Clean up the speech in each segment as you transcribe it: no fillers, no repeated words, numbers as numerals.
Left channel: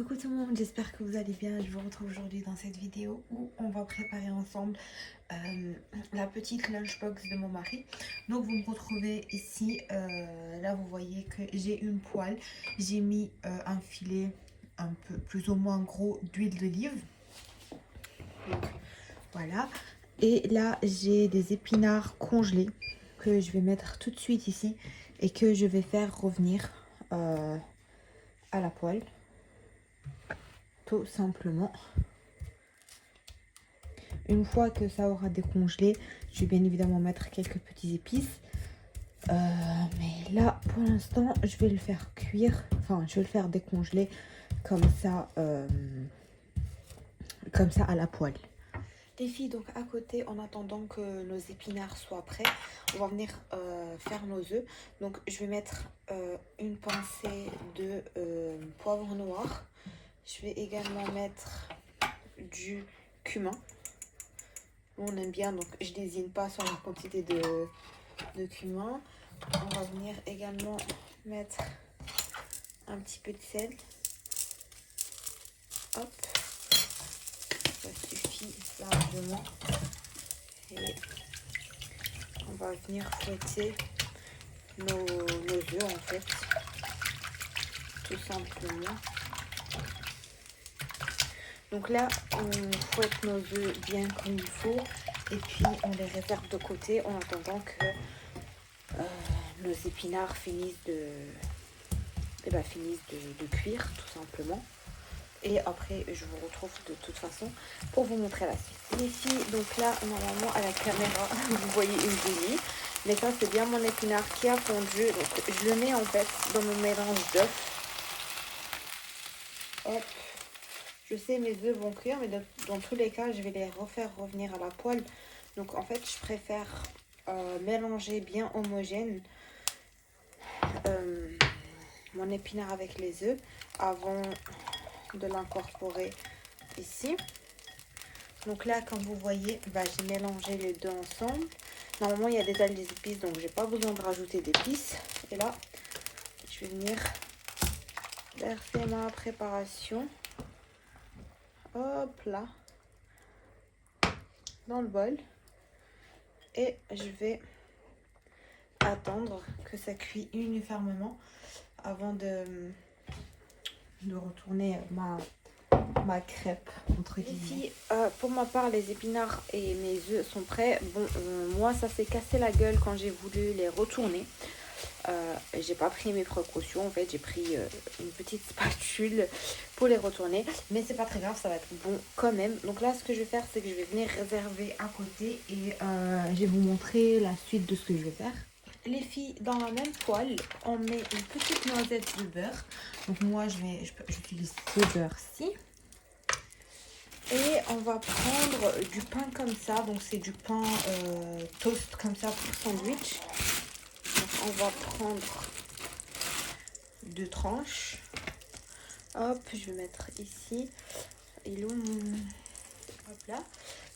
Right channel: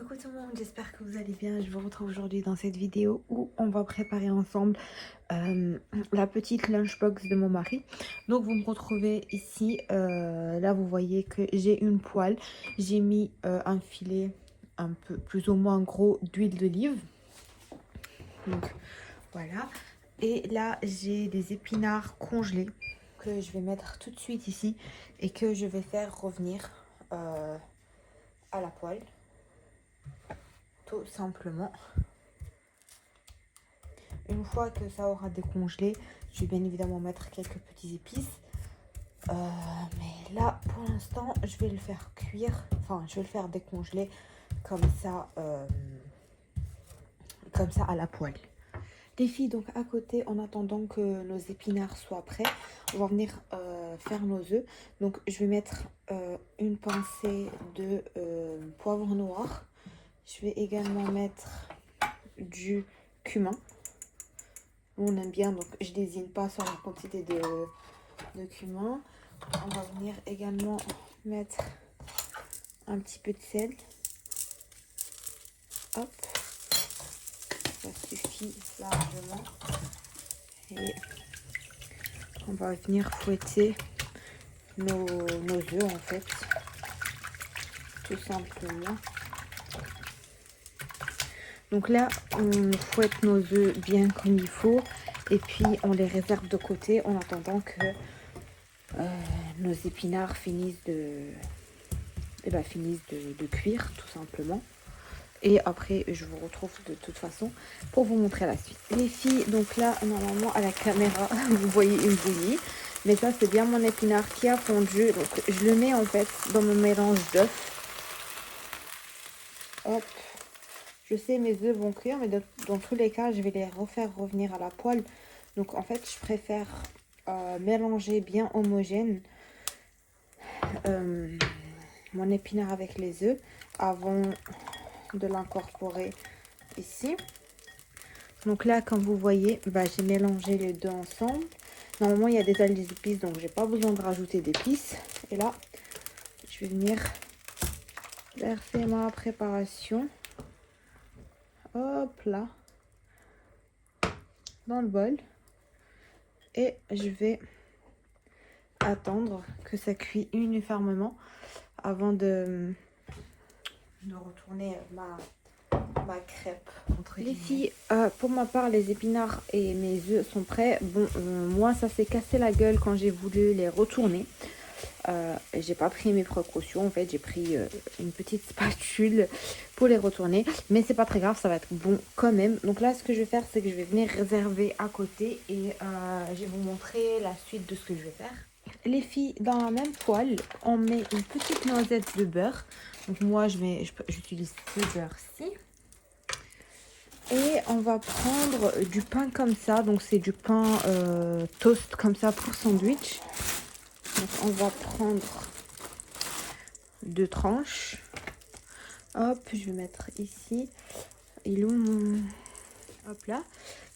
Coucou tout le monde, j'espère que vous allez bien. Je vous retrouve aujourd'hui dans cette vidéo où on va préparer ensemble la petite lunchbox de mon mari. Donc vous me retrouvez ici, là vous voyez que j'ai une poêle. J'ai mis un filet un peu plus ou moins gros d'huile d'olive. Donc voilà. Et là j'ai des épinards congelés que je vais mettre tout de suite ici et que je vais faire revenir à la poêle. Tout simplement. Une fois que ça aura décongelé, je vais bien évidemment mettre quelques petites épices. Mais là, pour l'instant, je vais le faire cuire. Enfin, je vais le faire décongeler comme ça à la poêle. Les filles, donc à côté, en attendant que nos épinards soient prêts, on va venir faire nos œufs. Donc, je vais mettre une pincée de poivre noir. Je vais également mettre du cumin. On aime bien, donc je désigne pas sur la quantité de cumin. On va venir également mettre un petit peu de sel. Hop, ça suffit largement. Et on va venir fouetter nos œufs en fait, tout simplement. Donc là, on fouette nos œufs bien comme il faut et puis on les réserve de côté en attendant que nos épinards finissent de cuire tout simplement. Et après, je vous retrouve de toute façon pour vous montrer la suite. Les filles, donc là, normalement à la caméra, vous voyez une bouillie. Mais ça, c'est bien mon épinard qui a fondu. Donc, je le mets en fait dans mon mélange d'œufs. Hop. Je sais, mes œufs vont cuire, mais dans tous les cas, je vais les refaire revenir à la poêle. Donc, en fait, je préfère mélanger bien homogène mon épinard avec les œufs avant de l'incorporer ici. Donc là, comme vous voyez, j'ai mélangé les deux ensemble. Normalement, il y a déjà des épices, donc j'ai pas besoin de rajouter d'épices. Et là, je vais venir verser ma préparation. Hop là, dans le bol. Et je vais attendre que ça cuit uniformément avant de retourner ma crêpe entre guillemets. Ici, pour ma part, les épinards et mes œufs sont prêts. Bon, moi, ça s'est cassé la gueule quand j'ai voulu les retourner. J'ai pas pris mes précautions. En fait, j'ai pris une petite spatule pour les retourner. Mais c'est pas très grave, ça va être bon quand même. Donc là, ce que je vais faire, c'est que je vais venir réserver à côté et je vais vous montrer la suite de ce que je vais faire. Les filles, dans la même poêle, on met une petite noisette de beurre. Donc moi, j'utilise ce beurre-ci. Et on va prendre du pain comme ça. Donc c'est du pain toast comme ça pour sandwich. Donc on va prendre 2 tranches. Hop, je vais mettre ici. Et hop là.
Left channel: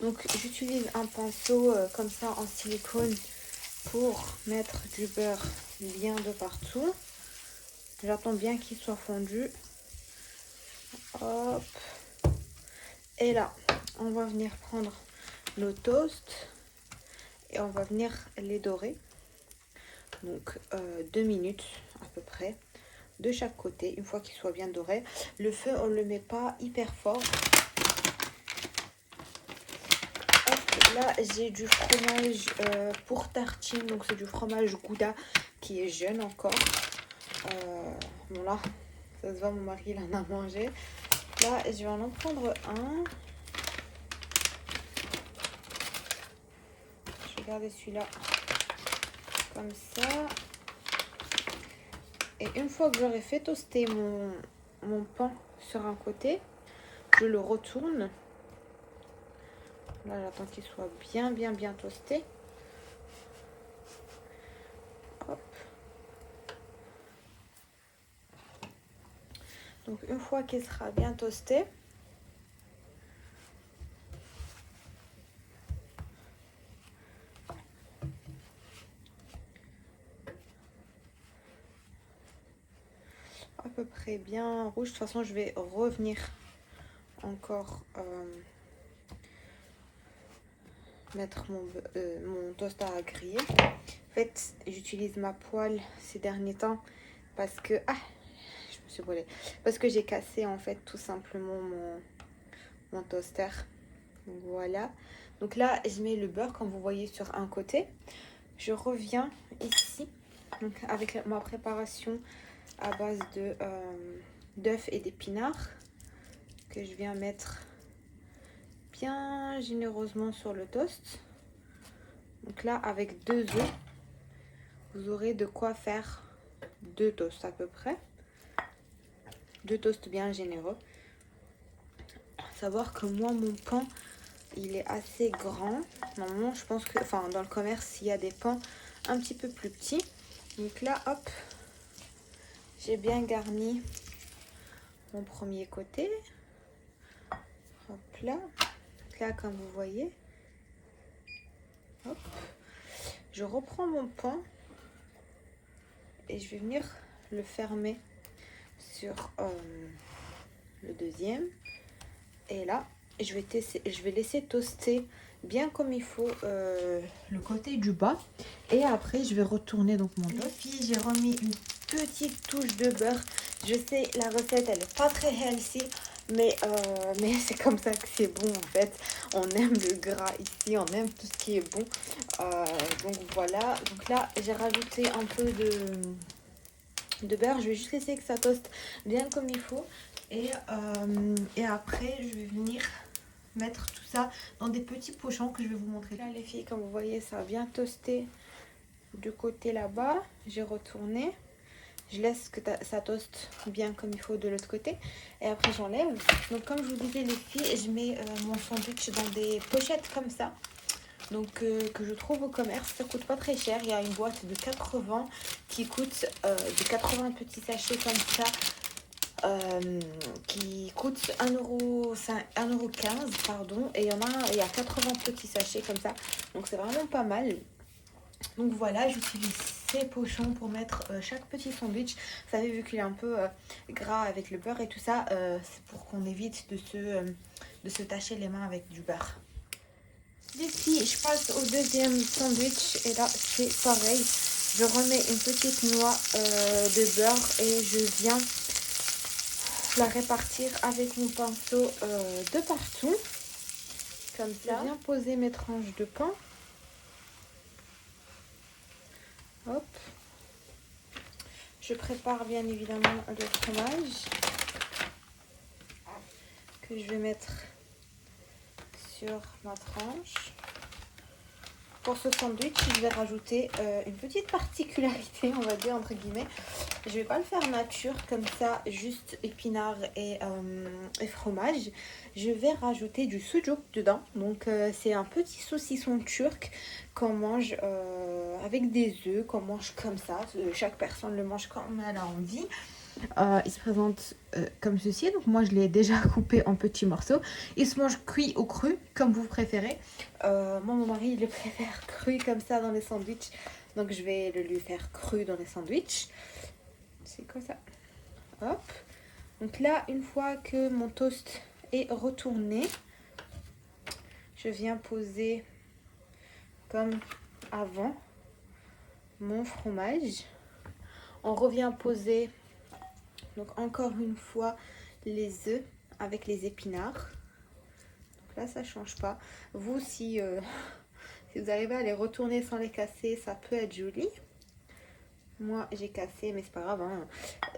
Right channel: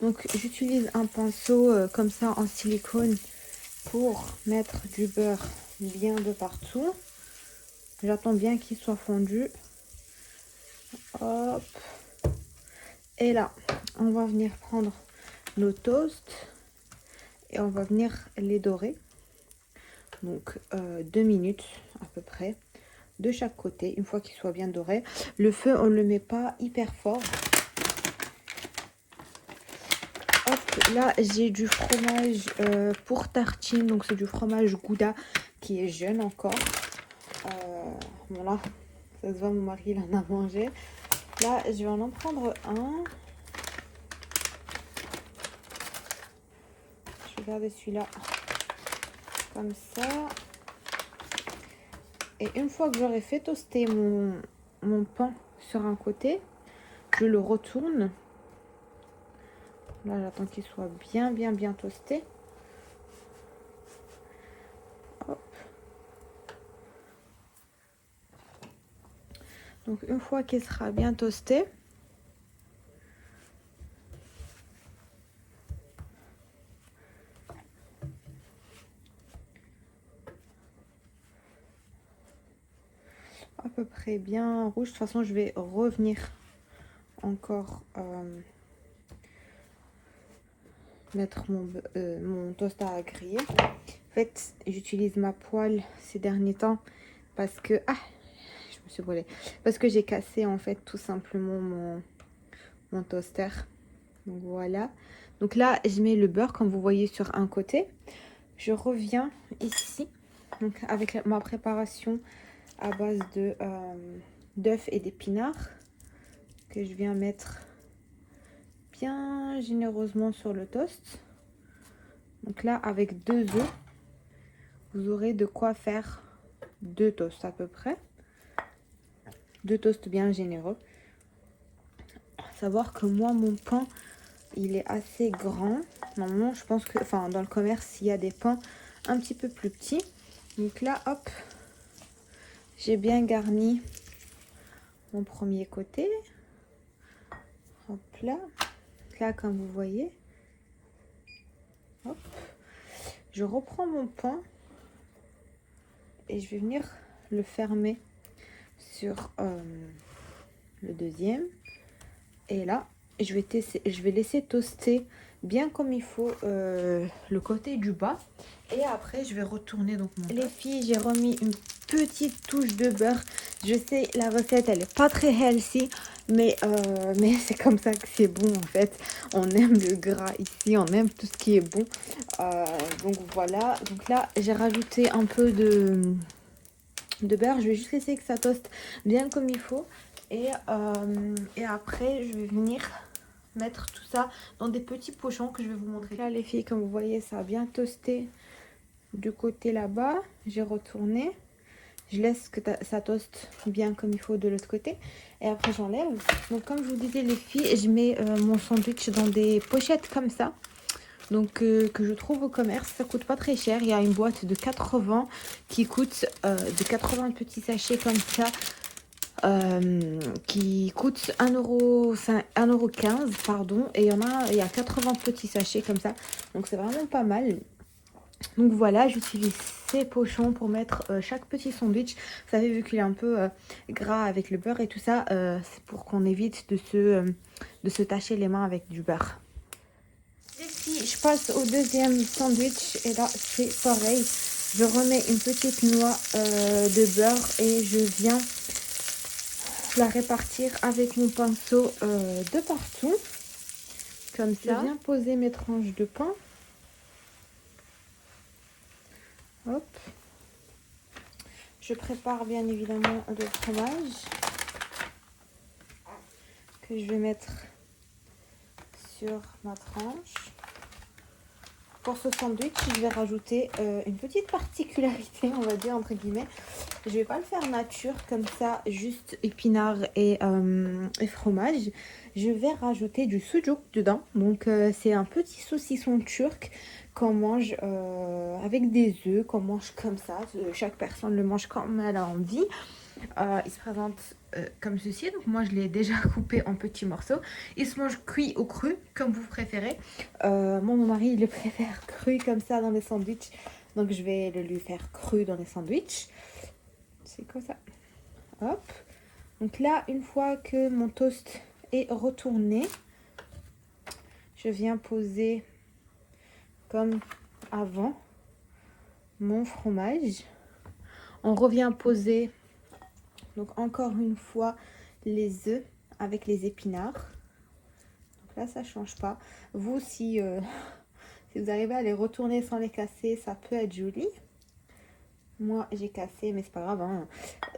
Donc j'utilise un pinceau comme ça en silicone pour mettre du beurre bien de partout. J'attends bien qu'il soit fondu. Hop. Et là, on va venir prendre nos toasts et on va venir les dorer. Donc 2 minutes à peu près de chaque côté, une fois qu'ils soient bien dorés. Le feu, on ne le met pas hyper fort. Hop, là, j'ai du fromage pour tartine, donc c'est du fromage Gouda qui est jeune encore. Bon là, ça se voit, mon mari il en a mangé. Là, je vais en prendre un. Je vais garder celui-là comme ça. Et une fois que j'aurai fait toaster mon pain sur un côté, je le retourne. Là, j'attends qu'il soit bien toasté. Hop. Donc, une fois qu'il sera bien toasté, à peu très bien rouge. De toute façon, je vais revenir encore mettre mon toast à griller. En fait, j'utilise ma poêle ces derniers temps parce que... Ah, je me suis brûlée. Parce que j'ai cassé en fait tout simplement mon toaster. Donc voilà. Donc là, je mets le beurre comme vous voyez sur un côté. Je reviens ici donc avec ma préparation à base de d'œufs et d'épinards que je viens mettre bien généreusement sur le toast. Donc là, avec 2 œufs, vous aurez de quoi faire 2 toasts à peu près. 2 toasts bien généreux. Savoir que moi, mon pain, il est assez grand. Normalement, je pense que, enfin, dans le commerce, il y a des pains un petit peu plus petits. Donc là, hop, j'ai bien garni mon premier côté. Hop là. Là, comme vous voyez. Hop. Je reprends mon pain et je vais venir le fermer sur le deuxième. Et là, je vais laisser toaster bien comme il faut le côté du bas. Et après, je vais retourner donc mon toast. Les filles, j'ai remis une petite touche de beurre. Je sais, la recette, elle est pas très healthy. Mais c'est comme ça que c'est bon en fait. On aime le gras ici, on aime tout ce qui est bon. Donc voilà. Donc là, j'ai rajouté un peu de beurre. Je vais juste laisser que ça toste bien comme il faut. Et après, je vais venir mettre tout ça dans des petits pochons que je vais vous montrer. Là, les filles, comme vous voyez, ça a bien toasté du côté là-bas. J'ai retourné. Je laisse que ça toste bien comme il faut de l'autre côté. Et après, j'enlève. Donc, comme je vous disais, les filles, je mets mon sandwich dans des pochettes comme ça. Donc, que je trouve au commerce. Ça coûte pas très cher. Il y a une boîte de 80 qui coûte de 80 petits sachets comme ça. Qui coûte 1,15 €, pardon. Et il y a 80 petits sachets comme ça. Donc, c'est vraiment pas mal. Donc voilà, j'utilise ces pochons pour mettre chaque petit sandwich. Vous savez, vu qu'il est un peu gras avec le beurre et tout ça, c'est pour qu'on évite de se tacher les mains avec du beurre. Ici, je passe au deuxième sandwich et là, c'est pareil. Je remets une petite noix de beurre et je viens la répartir avec mon pinceau de partout. Comme ça. Je viens poser mes tranches de pain. Hop. Je prépare bien évidemment le fromage que je vais mettre sur ma tranche. Pour ce sandwich, je vais rajouter une petite particularité, on va dire entre guillemets. Je vais pas le faire nature comme ça, juste épinards et fromage. Je vais rajouter du sucuk dedans. Donc c'est un petit saucisson turc qu'on mange avec des œufs, qu'on mange comme ça. Chaque personne le mange comme elle a envie. Il se présente comme ceci. Donc moi je l'ai déjà coupé en petits morceaux. Il se mange cuit ou cru, comme vous préférez. Mon mari il le préfère cru comme ça dans les sandwichs. Donc je vais le lui faire cru dans les sandwichs. C'est quoi ça? Hop. Donc là, une fois que mon toast est retourné, je viens poser comme avant mon fromage. On revient poser donc encore une fois les œufs avec les épinards. Donc là, ça change pas. Vous, si vous arrivez à les retourner sans les casser, ça peut être joli. Moi, j'ai cassé, mais c'est pas grave. Hein.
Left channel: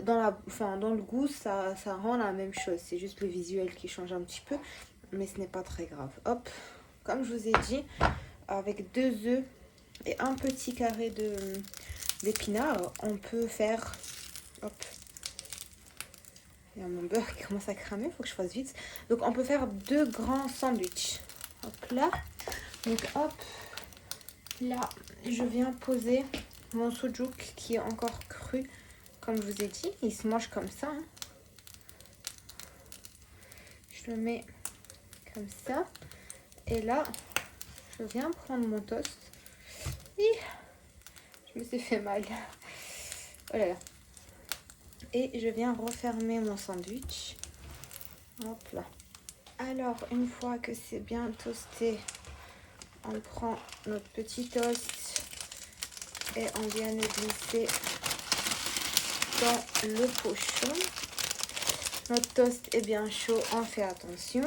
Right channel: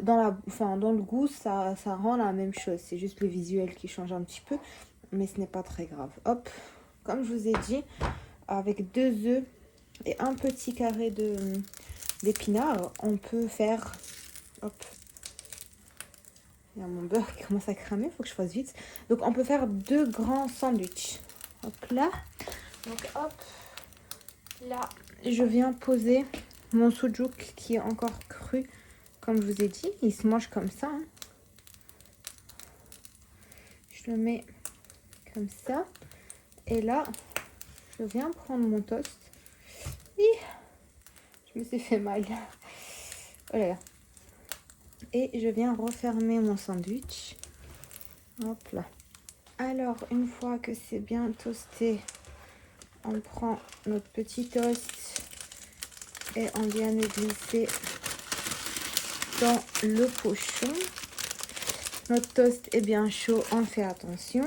Dans le goût, ça rend la même chose. C'est juste le visuel qui change un petit peu. Mais ce n'est pas très grave. Hop, comme je vous ai dit, avec 2 œufs et un petit carré d'épinards, on peut faire... Hop. Il y a mon beurre qui commence à cramer, il faut que je fasse vite. Donc, on peut faire 2 grands sandwichs. Hop là. Donc, hop. Là, je viens poser... mon sucuk qui est encore cru, comme je vous ai dit, il se mange comme ça. Hein. Je le mets comme ça. Et là, je viens prendre mon toast. Et je me suis fait mal. Oh là là. et je viens refermer mon sandwich. Hop là. Alors, une fois que c'est bien toasté, on prend notre petit toast et on vient le glisser dans le pochon. Notre toast est bien chaud, on fait attention.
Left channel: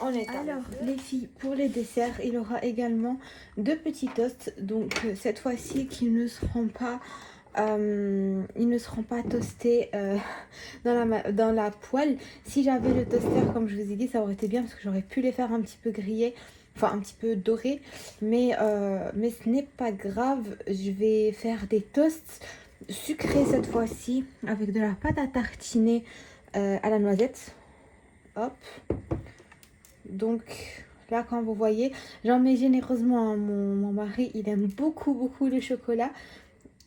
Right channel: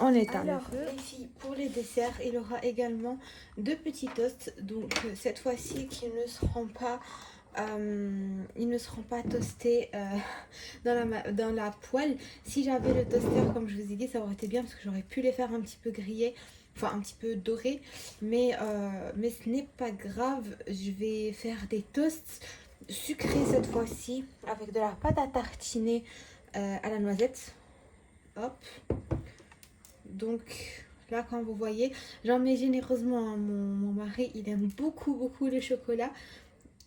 On éteint. Alors les filles, pour les desserts, il y aura également 2 petits toasts. Donc cette fois-ci, qui ne seront pas toastés dans la poêle. Si j'avais le toaster, comme je vous ai dit, ça aurait été bien parce que j'aurais pu les faire un petit peu grillés, enfin un petit peu dorés. Mais ce n'est pas grave. Je vais faire des toasts sucrés cette fois-ci avec de la pâte à tartiner à la noisette. Hop. Donc là, quand vous voyez, j'en mets généreusement. Mon mari, il aime beaucoup le chocolat.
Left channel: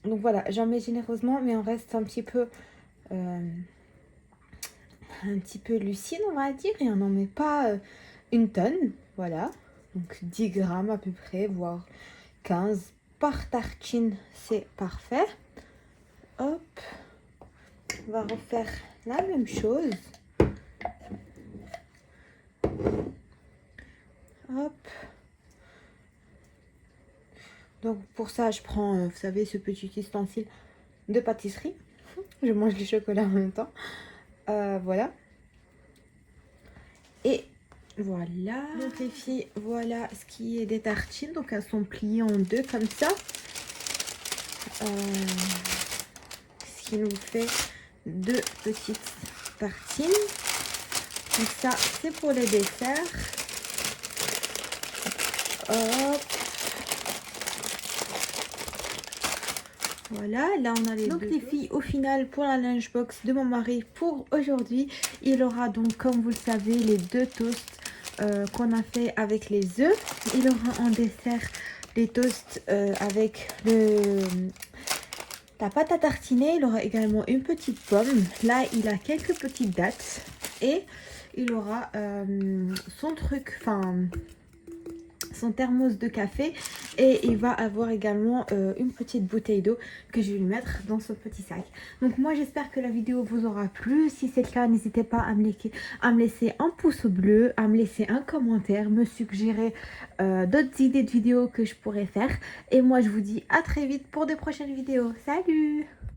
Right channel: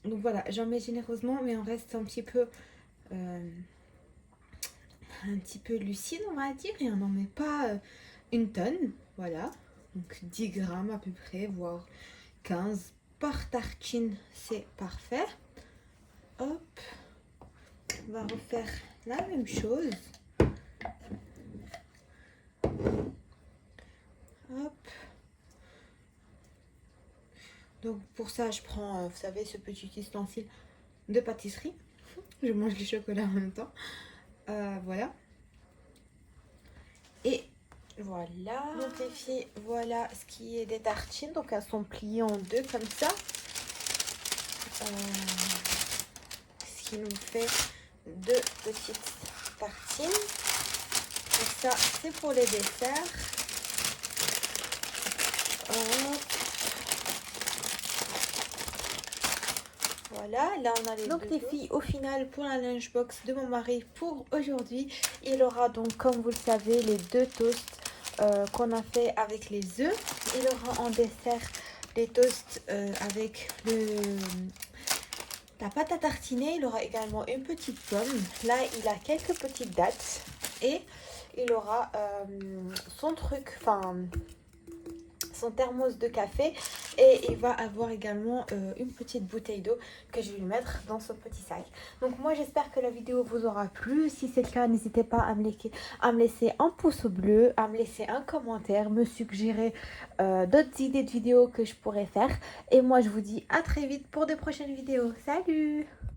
Donc voilà, j'en mets généreusement, mais on reste un petit peu lucide, on va dire. Et on n'en met pas une tonne. Voilà, donc 10 grammes à peu près, voire 15 par tartine, c'est parfait. Hop, on va refaire la même chose. Hop. Donc pour ça, je prends, vous savez, ce petit ustensile de pâtisserie. Je mange du chocolat en même temps. Voilà. Et voilà. Donc les filles, voilà ce qui est des tartines. Donc elles sont pliées en deux comme ça. Ce qui nous fait 2 petites tartines. Donc ça, c'est pour les desserts. Hop. Voilà, là on a les donc les filles, au final, pour la lunchbox de mon mari pour aujourd'hui, il aura donc, comme vous le savez, les 2 toasts qu'on a fait avec les œufs. Il aura en dessert les toasts avec la pâte à tartiner. Il aura également une petite pomme. Là, il a quelques petites dattes et il aura son truc, enfin son thermos de café, et il va avoir également une petite bouteille d'eau que je vais lui mettre dans ce petit sac. Donc moi j'espère que la vidéo vous aura plu. Si c'est le cas, n'hésitez pas à me laisser un pouce bleu, à me laisser un commentaire, me suggérer d'autres idées de vidéos que je pourrais faire. Et moi je vous dis à très vite pour de prochaines vidéos. Salut!